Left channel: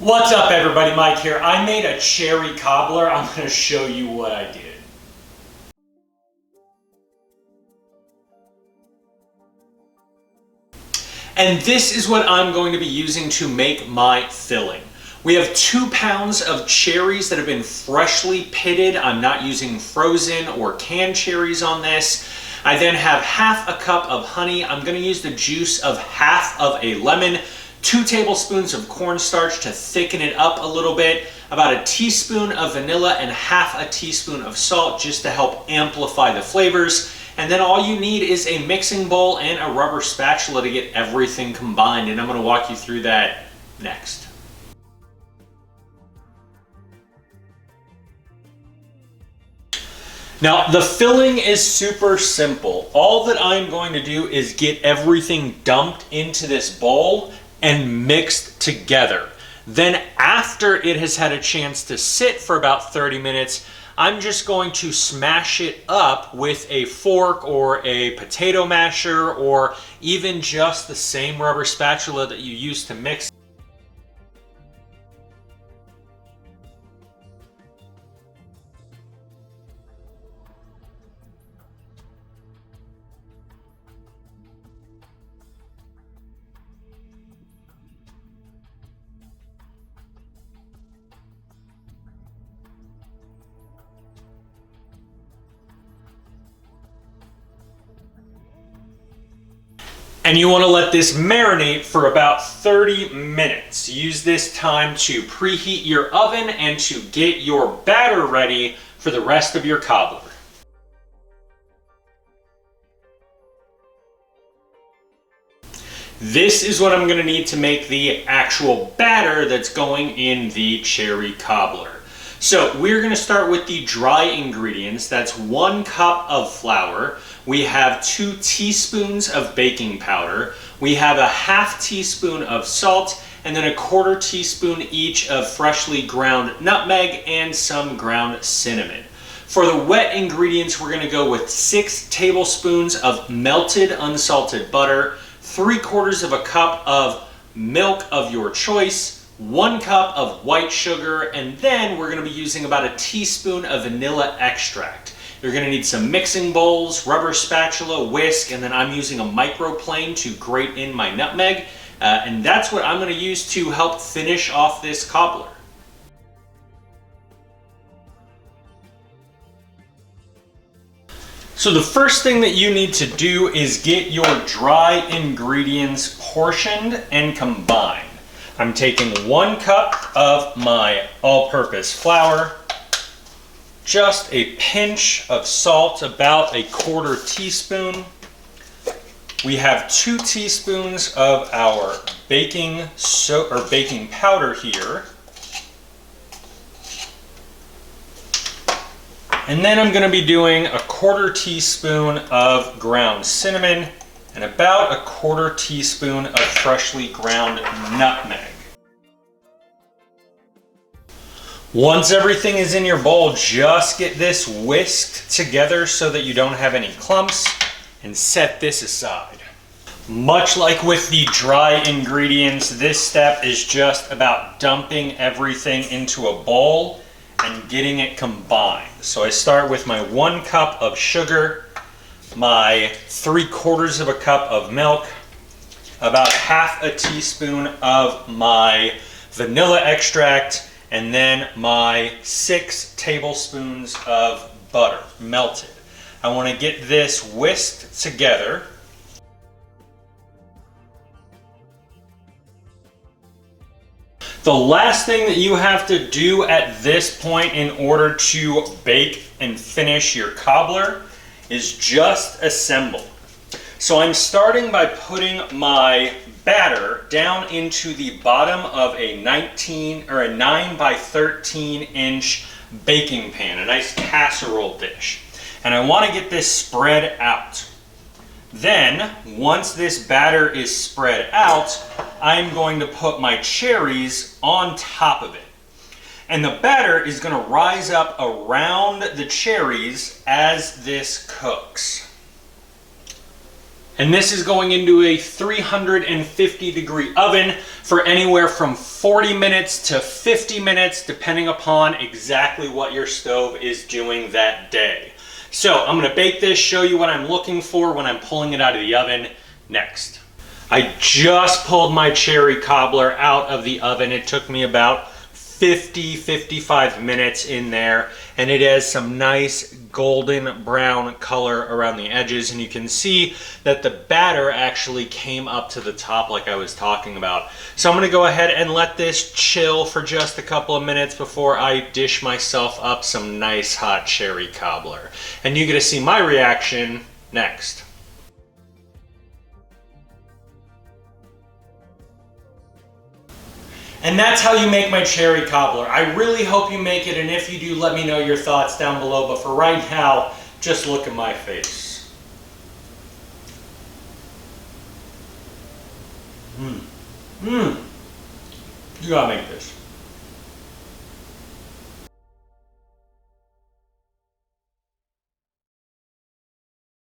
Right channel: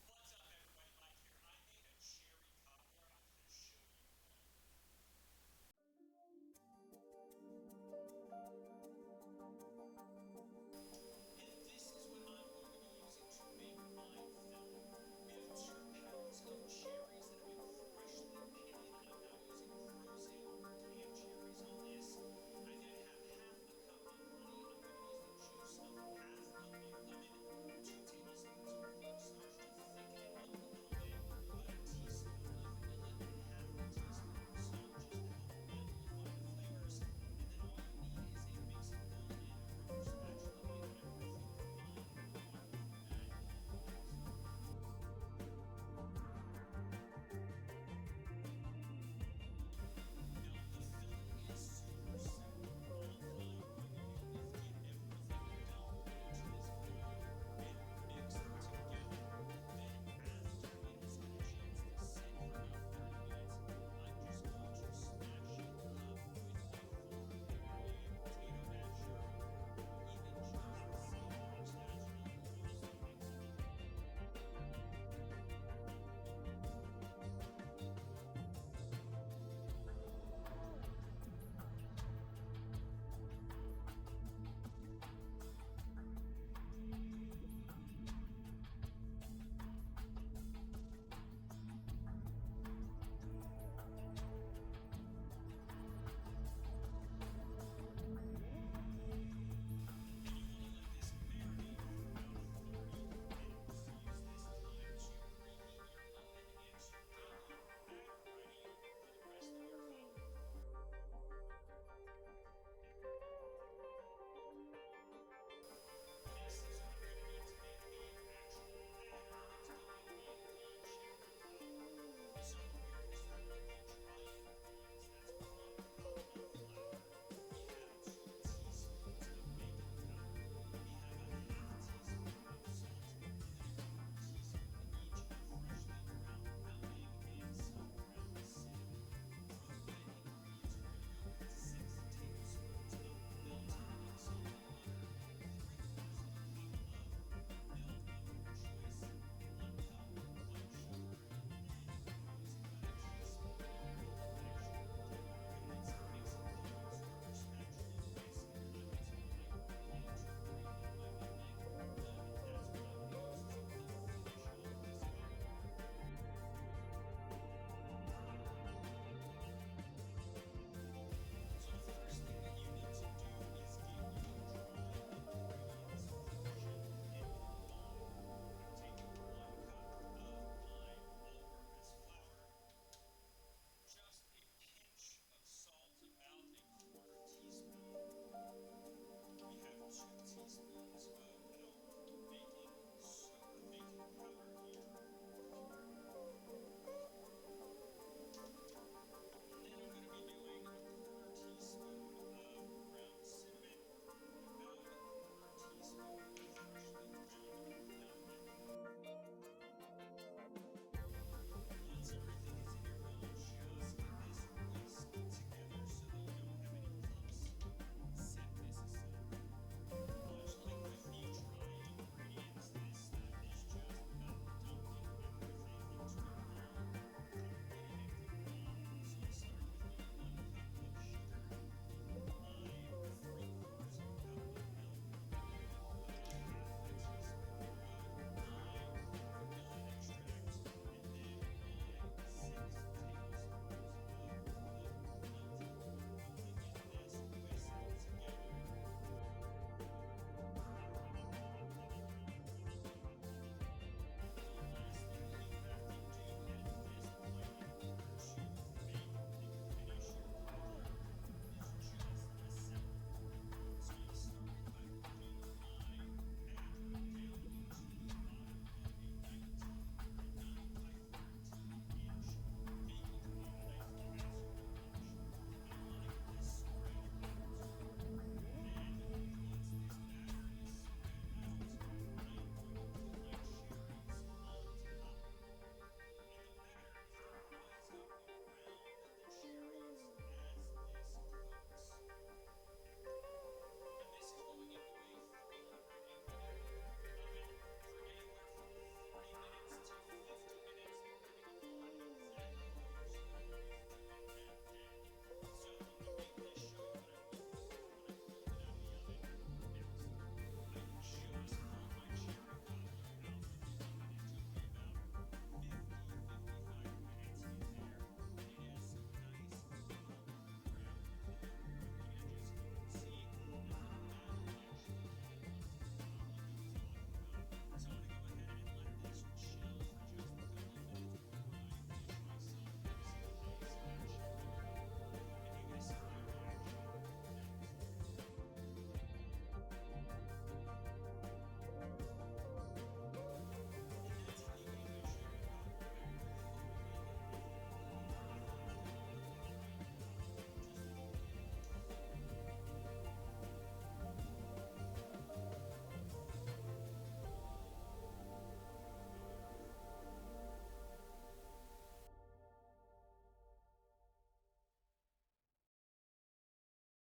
What's up everybody, Mike here. I made a cherry cobbler. I'm going to show you what I did. And this is what I'm going to be using to make my filling. We have 2 pounds of cherries that have been freshly pitted. I'm not using frozen or canned cherries on this. I then have half a cup of honey. I'm going to use the juice of half of a lemon, 2 tablespoons of cornstarch to thicken it up a little bit, about a teaspoon of vanilla and half a teaspoon of salt just to help amplify the flavors. And then all you need is a mixing bowl and a rubber spatula to get everything combined, and I'm going to walk you through that next. Now, the filling is super simple. All that I'm going to do is get everything dumped into this bowl and mixed together. Then after it has had a chance to sit for about 30 minutes, I'm just going to smash it up with a fork or a potato masher or even just the same rubber spatula that you use to mix. And you want to let this marinate for about 30 minutes. Use this time to preheat your oven and to get your batter ready for the rest of your cobbler. This is what I'm going to need to make the actual batter that's going in the cherry cobbler. So we're going to start with the dry ingredients. That's 1 cup of flour. We have 2 teaspoons of baking powder. We have a half teaspoon of salt, and then a 1/4 teaspoon each of freshly ground nutmeg and some ground cinnamon. For the wet ingredients, we're going to go with 6 tablespoons of melted unsalted butter, 3/4 of a cup of milk of your choice, 1 cup of white sugar, and then we're going to be using about a teaspoon of vanilla extract. You're going to need some mixing bowls, rubber spatula, whisk, and then I'm using a microplane to grate in my nutmeg. And that's what I'm going to use to help finish off this cobbler. So the first thing that you need to do is get your dry ingredients portioned and combined. I'm taking 1 cup of my all-purpose flour, just a pinch of salt, about a 1/4 teaspoon. We have 2 teaspoons of our baking powder here. And then I'm going to be doing a 1/4 teaspoon of ground cinnamon and about a 1/4 teaspoon of freshly ground nutmeg. Once everything is in your bowl, just get this whisked together so that you don't have any clumps, and set this aside. Much like with the dry ingredients, this step is just about dumping everything into a bowl and getting it combined. So I start with my 1 cup of sugar, my 3/4 of a cup of milk, about half a teaspoon of my vanilla extract, and then my 6 tablespoons of butter, melted. I want to get this whisked together. The last thing that you have to do at this point in order to bake and finish your cobbler is just assemble. So I'm starting by putting my batter down into the bottom of a 9 by 13 inch baking pan, a nice casserole dish. And I want to get this spread out. Then, once this batter is spread out, I'm going to put my cherries on top of it. And the batter is going to rise up around the cherries as this cooks. And this is going into a 350 degree oven for anywhere from 40 minutes to 50 minutes, depending upon exactly what your stove is doing that day. So I'm gonna bake this, show you what I'm looking for when I'm pulling it out of the oven next. I just pulled my cherry cobbler out of the oven. It took me about 55 minutes in there, and it has some nice golden brown color around the edges, and you can see that the batter actually came up to the top like I was talking about. So I'm gonna go ahead and let this chill for just a couple of minutes before I dish myself up some nice hot cherry cobbler. And you get to see my reaction next. And that's how you make my cherry cobbler. I really hope you make it, and if you do, let me know your thoughts down below. But for right now, just look at my face. You gotta make this.